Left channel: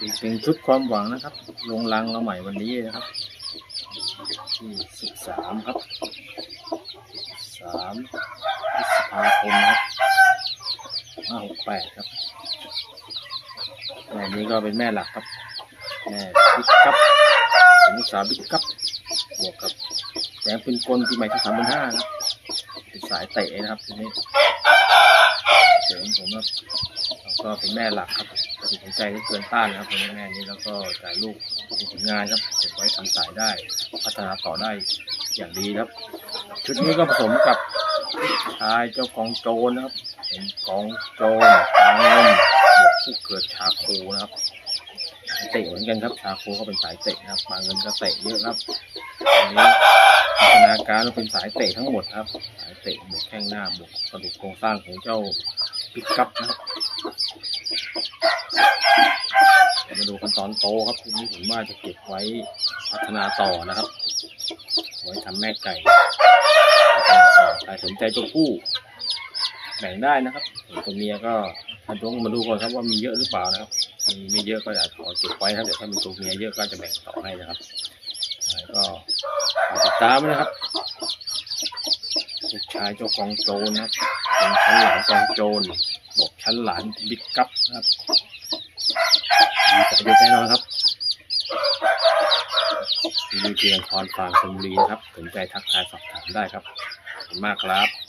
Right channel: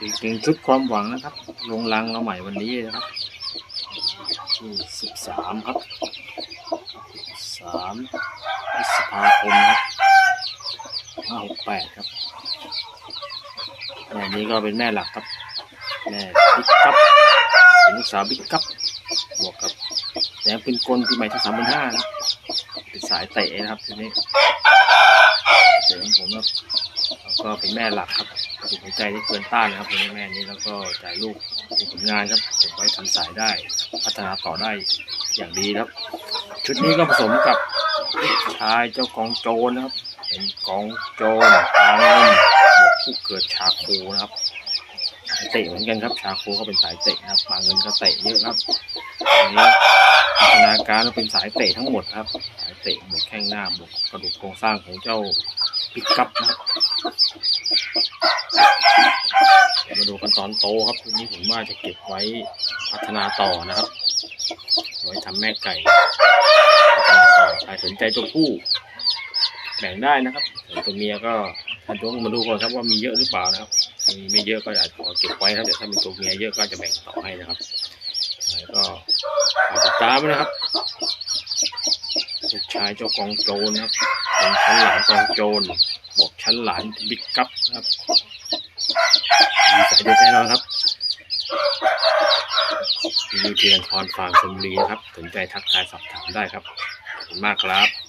อีกหนึ่งชุดความหวังนะครับ ลงรังเราใหม่วันนี้นะครับที่สิบสามครับสามพฤษภาคมครับห้าหกแปดครับแม่นี้ก็เป็นแม่หลักครับ แม่บิ๊กกับเป็นลูกสาวบิ๊กกับบวกกับแสงเป็นกลปีใหม่ที่สามพันห้านะเป็นสายเตะนะครับทีนี้เจอของผมครับแล้วก็เป็นแม่หลักครับ ตัดสินใจที่เกินต้านนะครับเป็นแม่นี้แล้วก็จ่ายลูกมีผลงานครับเก็บไว้ทำสายได้ พัฒนาต่อได้อย่างดีครับ ชุดนี้ก็ผสมกับชายเจ้ากองโจรนะครับ เป็นกองโจรปางเงินบวกผู้เกิดชาโคนะครับเตะเหมือนกันครับชาโคก็เป็นสายเตะนะครับปางเงินก็เตะเยอะครับอันนี้พัฒนาการเป็นสายเตะทั้งหมดครับ สายเตะบวกแข้งหน้าบวกกระดูกโครงสร้างของเจ้าปิกกัปนะครับ เดี๋ยวมาดูกันตอนโตครับทีนี้ผมว่าจะเก็บไว้พัฒนาต่อนะครับ ไว้ทำแม่ไก่พัฒนาต่อใครสนใจตัวผู้แบ่งได้นะครับส่วนตัวเมียก็ท่านต้องมาดูก่อนครับว่ามีเยอะหรือเปล่านะครับ ถ้ามีไม่เยอะก็อาจขอเก็บไว้ครับเดี๋ยวถ้ามีตัวเมียเยอะก็จะแบ่งต่อให้นะครับก็ติดตามนะครับ ลูกชายเจ้ากองโจรนะครับเป็นชั้นหลานกองโจรบอกชั้นหลานบิ๊กกัปนะครับมีสายเด็ดแน่นอนครับมีเพียงพรฟางสมบุรีนะครับ สนใจทักทายสอบถามได้ครับขอบคุณมากครับ